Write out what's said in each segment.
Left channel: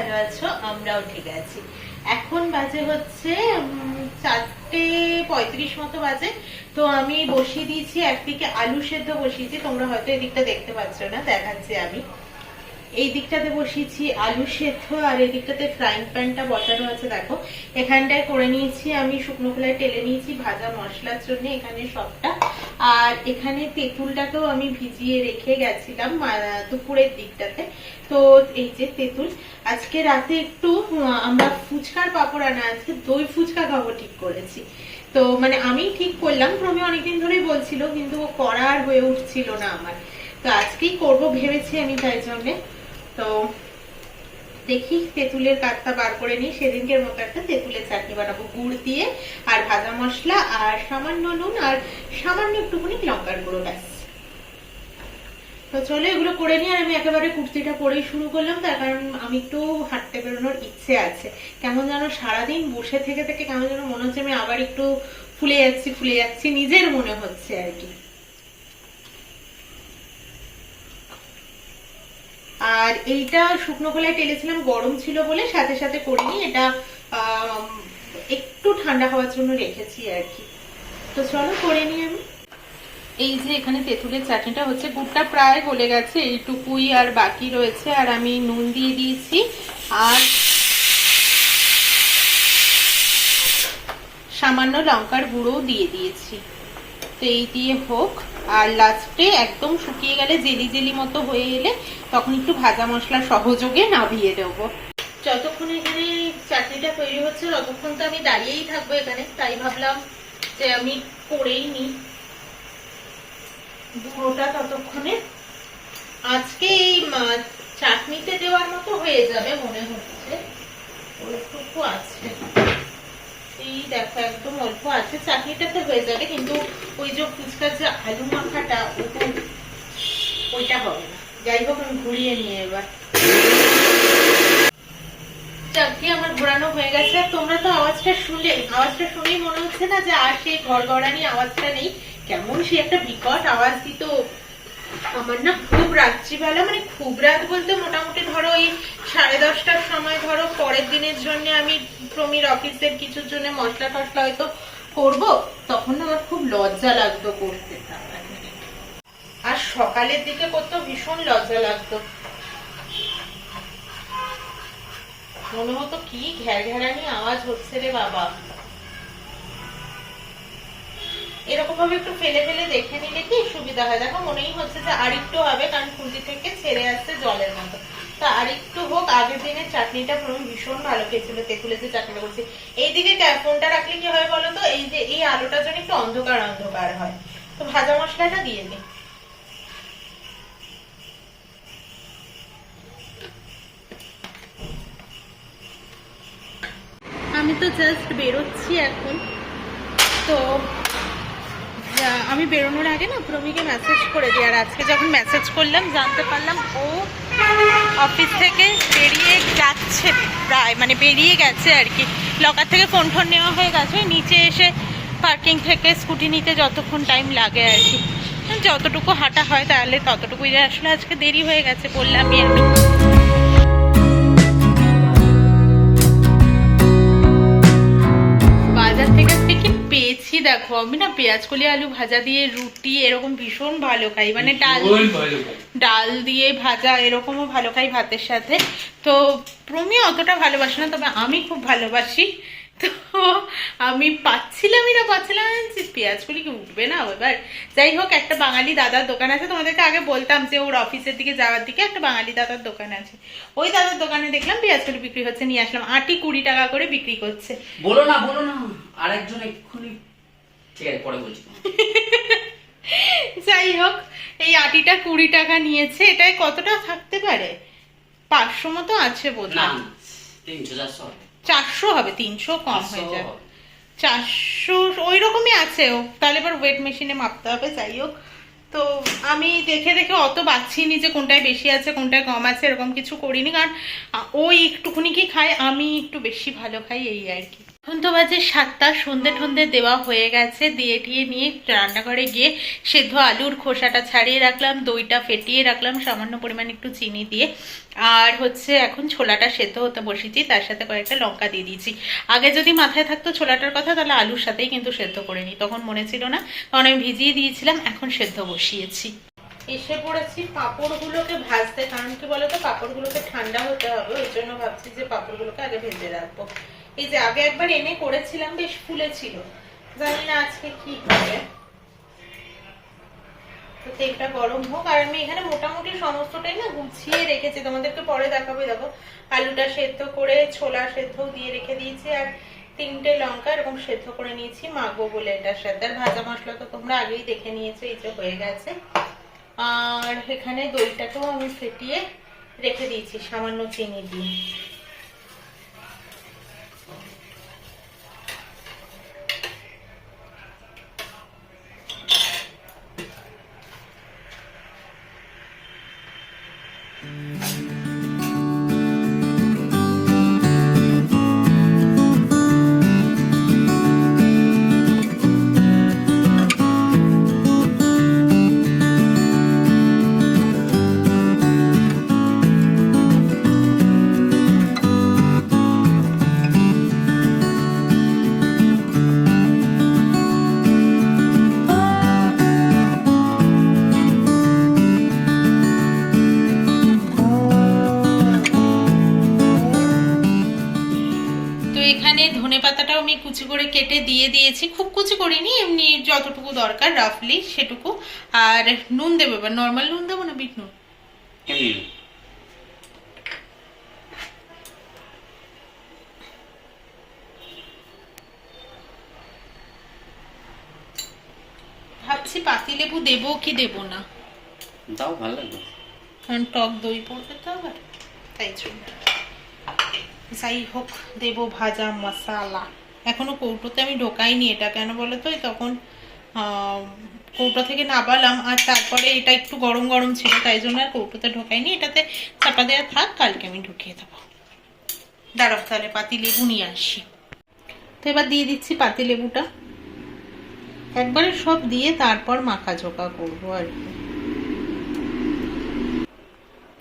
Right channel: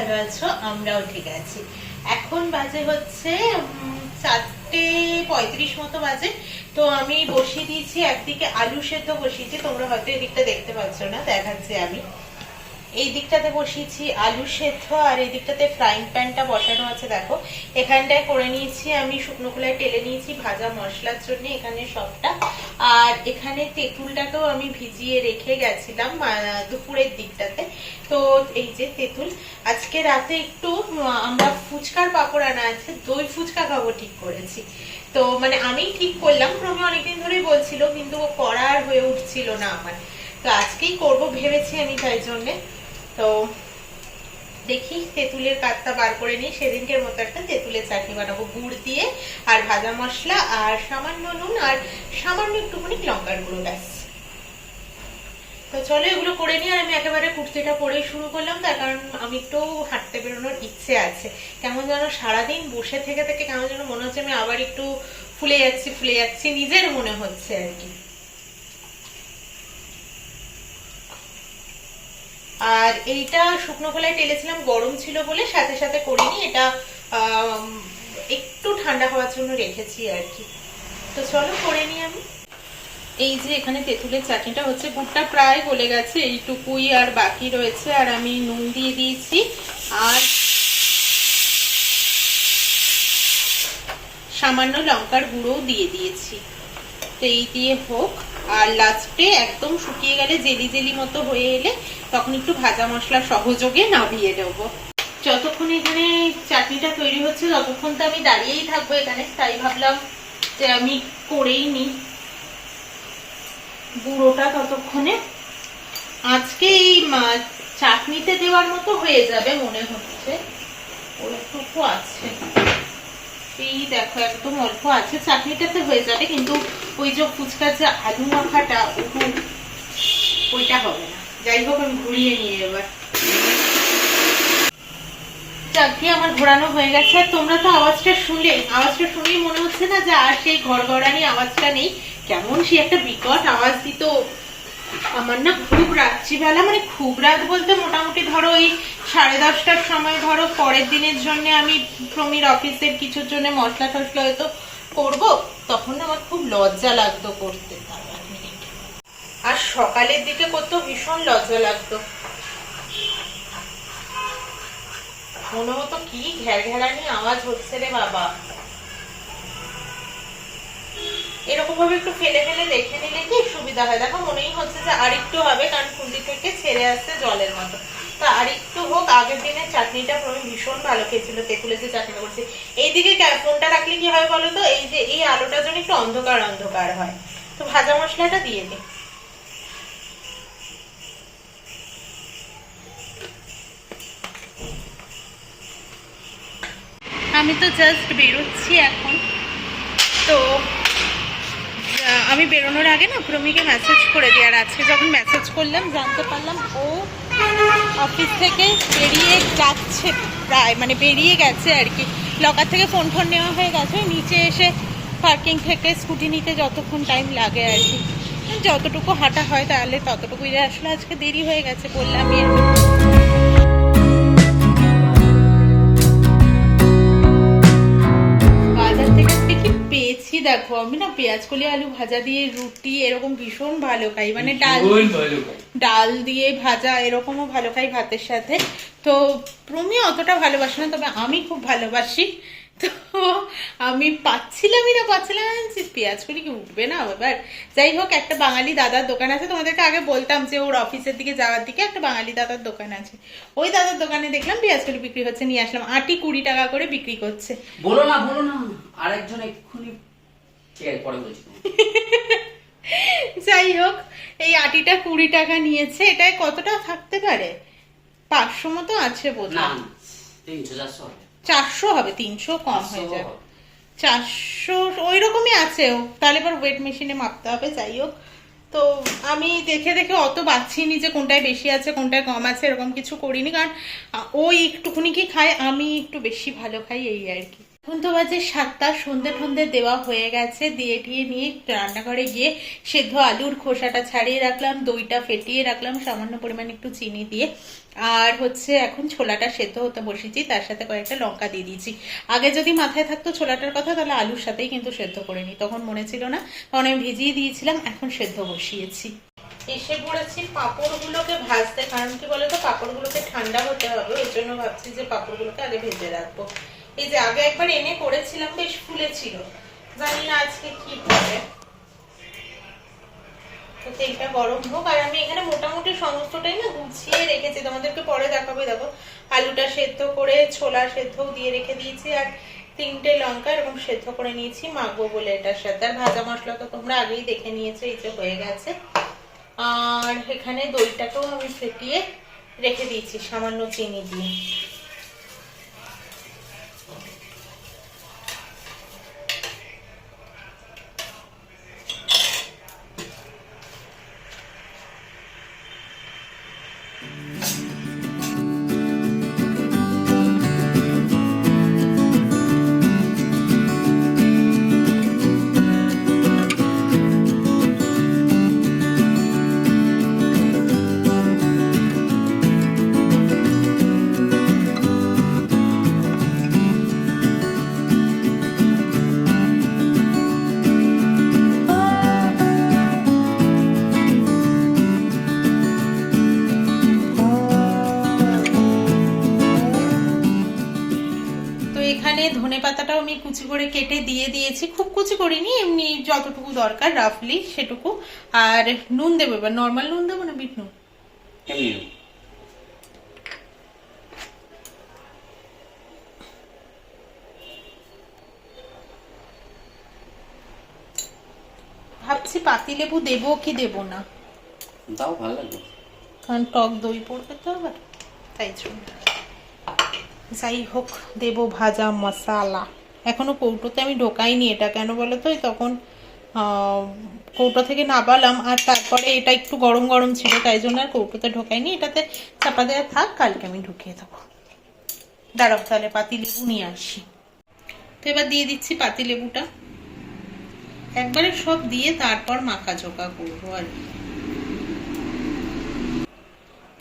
ভালো আছো, আমরাও ঠিক আছি। এখন বাজে হচ্ছে 4:35 মতো বাজে। তো আমি বসিয়ে দিয়েছি, একদিকে আলু সেদ্ধ বসিয়েছি, তোমরা হয়তো এদিকটা দেখতে পাচ্ছ না, দেখাচ্ছি আমি। এই দিকটাতে বসিয়েছি আলু সেদ্ধ, আর এই দিকটাতে ফ্রাইং প্যানটা বসানো আছে। দেখো এখানটায় করে নিয়েছি আমি, শুকনো খোলায় টেলে নিয়েছি ভাজা মশলার জন্য এখানে সবটা। আর এখানে তেঁতুলটাকেও আমি ভিজিয়ে রেখে গেছিলাম দুপুরের দিকটাতে। তো এই যে তেঁতুল, আজকে রাতে একটু আমরা ফুচকার পাপড় আনা আছে, দই ফুচকা খাবো ঠিক করেছি। তো মানে আমি ঠিক করলাম, প্রমি অনেকদিন ধরেই বলছিল, কিন্তু ও করার হয়ে উঠছিল না আমার। তো আজকেই করব ভেবেছি আমি, তাই জন্যে। তো দেখি তেঁতুলের কাঠটা বার করে নিই, সেদিনকের মতো একটা তেঁতুলের চাটনি বানাবো গুড় দিয়ে, আর ভাজা মশলা, আর সামান্য নুন, আর সামান্য একটুখানি লঙ্কার গুঁড়ো, ব্যাস। তো চলো এগুলো করে নিই। আর আমি একেবারে কুর্তিটা পরেই শুরু করলাম, তার কারণ আমি একটু হাঁটতে বেরোনোর ইচ্ছে আছে। কেমন যেন সারাদিন বসে থেকে থেকে কেমন যেন মনে হচ্ছে আমি আবার একটু ফুলে যাচ্ছি নিজের মনে হচ্ছে আর কি। আর এইটা শুকনো খোলায় টেলেছিলাম, গরম ছিল বলে সাথে সাথে করিনি, এটা একটু ঠান্ডা হওয়ার জন্য রেখেছি আর কি। তো চলো করে নিই আমি। এই যে এখানে তেঁতুলের চাটনিটা হচ্ছে, গুড়টা প্রায় গলে গেছে, এইটুকুই আর বাকি রয়েছে। আর আমি নুন দিয়ে দিয়েছি, আর সামান্য লঙ্কার গুঁড়ো দিয়ে দিয়েছি। তো এই দিয়ে হোক, আর লাস্টে একদম শুকিয়ে গেলে জেলি জেলি মতো হয়ে এলে তখন একটু ভাজা মশলা সহযোগে নামিয়ে দেবো। যতক্ষণ এখানে চাটনিটা তৈরি হচ্ছে ততক্ষণ তো আমি দাঁড়িয়েই থাকবো এখানে, তাই ভাবলাম যে আমি করেই নি গুঁড়োটা ততক্ষণে। আজকে এই চাটনিতে দেওয়ার মতো হয়ে যাবে মনে হচ্ছে, ওইটুকু আছে, এই দেখো একদম অল্প আছে, চাটনিটাতে হয়ে যাবে। কিন্তু ওই যে ফুচকার যে আলু মাখাটা ওইটা হবে না। যাই হোক আমি ঘুরিয়ে নিয়ে এবার। চাটনি আমার ঘোরানো হয়ে গেছে। আর তোমরা তো আওয়াজটা শুনলেই মনে হচ্ছে না যে আর সেই ঘরঘরানি আওয়াজটা নেই, কেমন সে একটা বিকট আওয়াজ দিত। আমার না খুব রাত্রিবেলা, মানে খুব রাত বলতে মোটামুটি ধরো ওই 10:30টার সময়, ধরো পরের দিনের জন্য আমি প্রমির অফিসের কিছুর জন্য মশলা টসলা হয়তো করবো, তখন আমার খুব লজ্জা লাগতো করতে। আর সকালের দিকে করতে ভীষণ লজ্জা লাগতো, মনে হতো কি ঘ্যার ঘ্যারানি আওয়াজ হচ্ছে রে বাবা। এরকম ভাবে একটু ফেলে ফেলে দেখে নিলে কি সুবিধা হয়। দেখো মনেই হচ্ছে যে আর একটু হবে, কারণ খুন্তি থেকে ছেড়ে আসছে জলের মতো। তো আর একটু হোক। আগের দিনের চাটনিটা প্রমি ভীষণ ভালো খেয়েছিল, তেঁতুলের যে চাটনিটা করছি। এইদিকে ফোনটা রাখলে কি হয় বলো তো, এই যে এই আলোটার জন্য একটু অন্ধকার অন্ধকার হয়। তো ভাজা মশলাটা দিয়ে দিই। আমি তো জাস্ট বেরোচ্ছি এখন। তো আমি বেরোনোর আগে না প্রমিকে মেসেজ করে দিই, আর আজকে যখন মেসেজ করলাম জানতে পারলাম ও অফিস থেকে বেরিয়ে যাচ্ছে, প্রায় মানে বেরিয়ে গেছে আর কি। লকার থেকে ফোন টোন নেওয়া হয়ে গেছে, নিচে এসে পার্কিং থেকে স্কুটি নিতে যতক্ষণ টাইম লাগে আর কি, যতটুকু হাঁটা হয় তাহলে ততটুকুই। আসলে আজকে দেরি হয়ে গেছে বললামই একটু। বাজার থেকে কি পেয়েছি দেখো, আমি না পেঁয়াজ কলি আলু ভাজা দিয়ে রুটি এরকম ভীষণ ভালো খাই, মানে ডাল দিয়ে ভাজা এরকমও ভালো খাই ভাতের সাথে। তো প্রমি অতটা ভালোবাসে না, তবে আমি খুব ভালোবাসি। তো আমি পাচ্ছিলাম পেঁয়াজ কলি কি উঠবে না এবার। যাই হোক, একটা বাঙালি দাদার দোকান আছে, তোমাদেরকে আগে বলতাম যে ওর অফিসের দিকে যাওয়ার দিকে একটা বাঙালি দাদার দোকান আছে, ওই দাদার দোকানে দেখলাম পেঁয়াজ কলি বিক্রি হচ্ছে, নিয়ে আসলাম। আটি 20 টাকা করে বিক্রি করছে। বলো না আরেকজন এক্ষুনি, ঠিক আছে পরে বলছি। যাই হোক, এই আটিটা 20 টাকা নিয়েছে। এটাই কতটা থাকতে পারে, 500 মতো আছে বোধহয়। 400 হবে, 300 কম হয়ে যাবে, 400 ওই রকমই আছে। তাহলে এবার ওয়েট মেশিনে মাপতে হবে। যাই হোক, তো আমি দেখে দেখে অত বাচ্ছিনি যে কোনটায় বেশি আছে কোনটায় কম আছে, এরকম কিছু করিনি, কারণ ওই একটুখানি কি খায়, আমি একটু বেশি ভালো খাই, এই আর কি। এখন তো বাজে 7টা, সন্ধে ঠন্ধে দেওয়া হয়ে গেছে, দিয়ে টিয়ে নিয়ে রান্নাঘরে গিয়ে সেদ্ধ আলুর খোসাটা ছাড়িয়ে রাখলাম, দইটা ফেটিয়ে রাখলাম সামান্য পরিমাণ একটু চিনি দিয়ে, আর হচ্ছে এখন ছোলাটা সেদ্ধ হতে বসিয়েছি, তার সাথে কয়েকটা লঙ্কা দিয়ে দিয়েছি। আগে যদি মাথায় থাকতো ছোলাটার কথা তাহলে আলুর সাথেই কিন্তু সেদ্ধ করে নিই, তখন মনে ছিল না, তখন আমি ভিজিয়ে দিয়েছিলাম, এখন সেদ্ধ বসিয়েছি। এসে পড়েছি পাঁপড়গুলোকে ভাজতে, কারণ কি বলতো পাঁপড়গুলোকে ঠান্ডা হতে হবে, ওই জন্য ভাবছি যে পাঁপড়গুলোকে আগে ভেজে রাখবো। এই যে আগে একবার এনে করেছিলাম, বেশ ফুলেছিল, জানি না আজকে কি হবে। তো তেলটা গরম হোক, আর আমি এখানে মোটামুটি সমস্তটাই না গুছিয়ে রেখেছি, তোমাদেরকে পরে দেখাবো। দেখো আলুটা সেদ্ধ করে ছোলা সেদ্ধও দিয়ে রেখে দিয়েছি, আর 3টে লঙ্কা এরকম সেদ্ধ করে নিয়েছি মাখবো বলে এটার সাথে। আর ভাজা মশলা তো তোমরা আগেই দেখে নিয়েছো, এই যে হয়ে গেছে। আর এখানে দইটাকেও আমি ফেটিয়ে রেখে দিয়েছি সামান্য চিনি দিয়ে। এখানে ধনে পাতাটাও আমি কুচি করে কেটে দিয়ে দিয়েছি, খুব কুচি করিনি, এমনি যতটুকু দরকার রাফলি সেটুকু। আর নুন দেবো, এবার নর্মাল নুন দেবো না বিট নুন? ভাবছি পাতিলেবু দেবো কি দেবো না, দাও, ভালো লাগবে, কারণ টক দই পড়বে তো আবার, তাই জন্য। যাই হোক, দেবো ভাজা মশলা। এখনো কৌটোতে আমি ঢোকাইনি এটা, কেন বলো তো তখন কৌটো থেকে নাবালাম, আর তারপরে এটা একটু গরম গরম ছিল, তাই জন্য আর কৌটোতে ঢোকাইনি। এটাতে চাপা দেওয়া থাক, কালকে আমি ঢুকিয়ে দেবো। দাঁড়াও তাহলে পাতি লেবু নিয়ে আসি। তো এবার দিয়ে দিচ্ছি পাতি লেবুটা, একবারে সব দিয়ে তারপর মাখা ঝোঁকা করবো আর কি।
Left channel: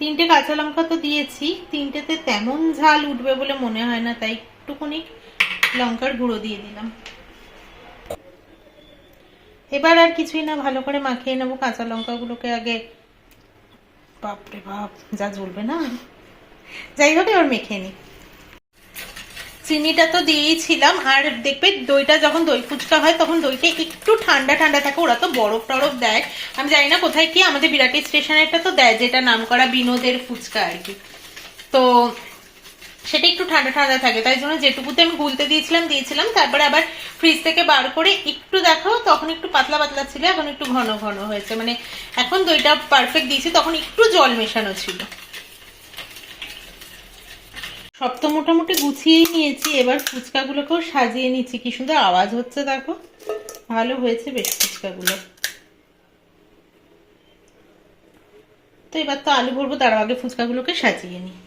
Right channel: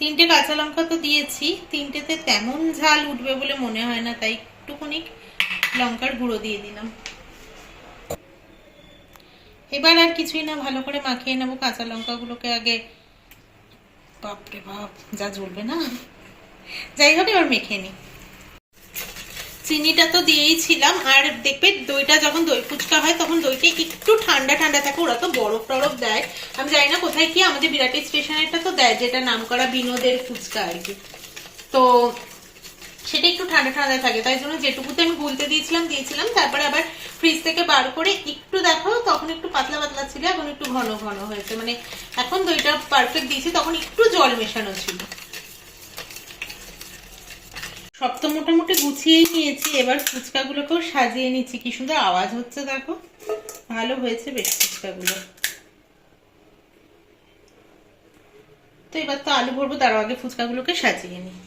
3টে কাঁচা লঙ্কা তো দিয়েছি, 3টেতে তেমন ঝাল উঠবে বলে মনে হয় না, তাই একটুখানি লঙ্কার গুঁড়ো দিয়ে দিলাম। এবার আর কিছুই না, ভালো করে মাখিয়ে নেবো কাঁচা লঙ্কাগুলোকে আগে। বাপরে বাপ, যা জ্বলবে না। যাই হোক, এবার মেখে নি। চিনিটা তো দিয়েছিলাম, আর দেখবে দইটা যখন দই ফুচকা হয় তখন দইটা একটু ঠান্ডা ঠান্ডা থাকে, ওরা তো বরফ টরফ দেয়, আমি জানি না কোথায় কি, আমাদের বিরাটি স্টেশনেরটা তো দেয়, যেটা নাম করা বিনোদের ফুচকা আর কি। তো সেটা একটু ঠান্ডা ঠান্ডা থাকে, তাই জন্য যেটুকুতে আমি গুলতে দিয়েছিলাম, তারপরে আবার ফ্রিজ থেকে বার করে একটু দেখো, তখন একটু পাতলা পাতলা ছিল, এখন একটু ঘন ঘন হয়েছে, মানে এখন দইটা পারফেক্ট দিয়েছি, তখন একটু জল মেশানো ছিল। সব তো মোটামুটি গুছিয়েই নিয়েছি, এবার ফুচকাগুলোকেও সাজিয়ে নিচ্ছি। কি সুন্দর আওয়াজ হচ্ছে দেখো, ভালো হয়েছে বেশ ফুচকাগুলো। তো এবার তো আলু ভরবো, তার আগে ফুচকাগুলোকে সাজিয়ে নিই।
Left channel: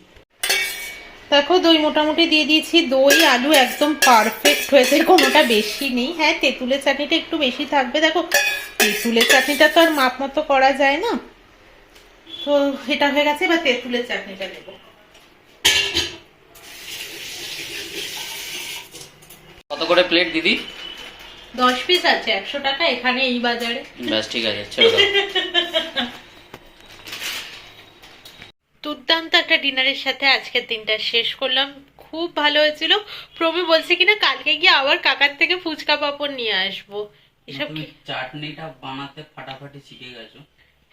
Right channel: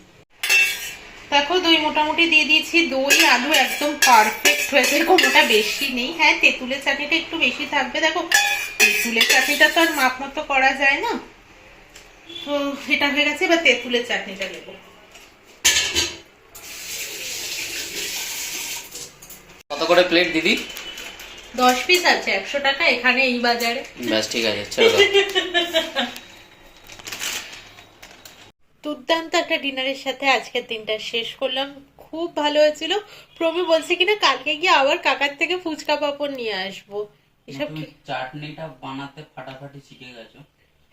দেখো দই মোটামুটি দিয়ে দিয়েছি, দই আলু একদম পারফেক্ট হয়েছে, কোনোটা বেশি নেই। হ্যাঁ, তেঁতুলের চাটনিটা একটু বেশি থাকবে, দেখো তেঁতুলের চাটনিটা তো আর মাপ মতো করা যায় না। তো এটা হয়ে গেছে, এবার তেঁতুলের চাটনিটা নেবো। কত করে প্লেট দিদি? 10 পিস আছে, 100 টাকা এখানে এই বাজারে। ব্যাস, ঠিক আছে, ছেড়ে দাও। দুর্দান্ত একটা ডিনারের সাথে আজকের দিনটা শেষ করলাম, খুব ভালো হয়েছিল। প্রমি বলছে কিনা কালকে গিয়ে আবার কাকার থেকে ফুচকা পাপড় নিয়ে আসবো। এসব কি চাটনিটা বানাতে ফাটাফাটি শিখে গেছো?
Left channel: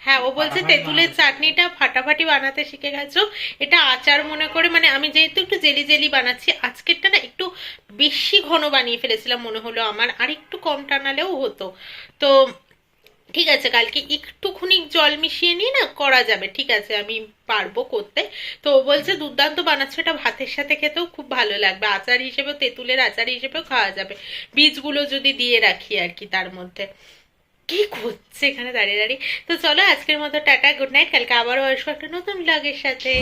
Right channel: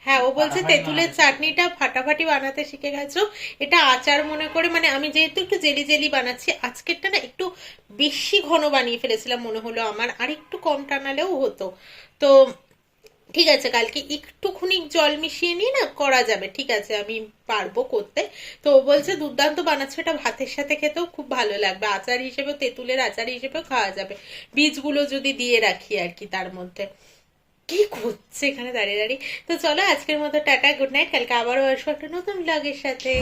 হ্যাঁ, ও বলছে তেঁতুলের চাটনিটা ফাটাফাটি বানাতে শিখে গেছো। এটা আচার মনে করে, মানে আমি যেহেতু একটু জেলি জেলি বানাচ্ছি, আজকেরটা না একটু বেশি ঘন বানিয়ে ফেলেছিলাম মনে হলো আমার, আর একটু কম টানালেও হতো। তো ঠিক আছে, কালকে একটুখানি জল মিশিয়ে নিয়ে না করা যাবে, ঠিক আছে, আমি পারবো করতে। তো ও বলছে দুর্দান্ত বানাচ্ছে, এটা ভাতের সাথে খেতেও খুব ভালো লাগবে, আচার হিসেবেও, তেঁতুলের আচার হিসেবেও খাওয়া যাবে, বীজগুলো যদি দিয়ে রাখি আর কি তার মধ্যে। কি করছে এখানে দাঁড়িয়ে দাঁড়িয়ে। তো চলো আজকের মতো টাটা, গুড নাইট, কালকে আবারও আসবো একটা নতুন ব্লগের সাথে।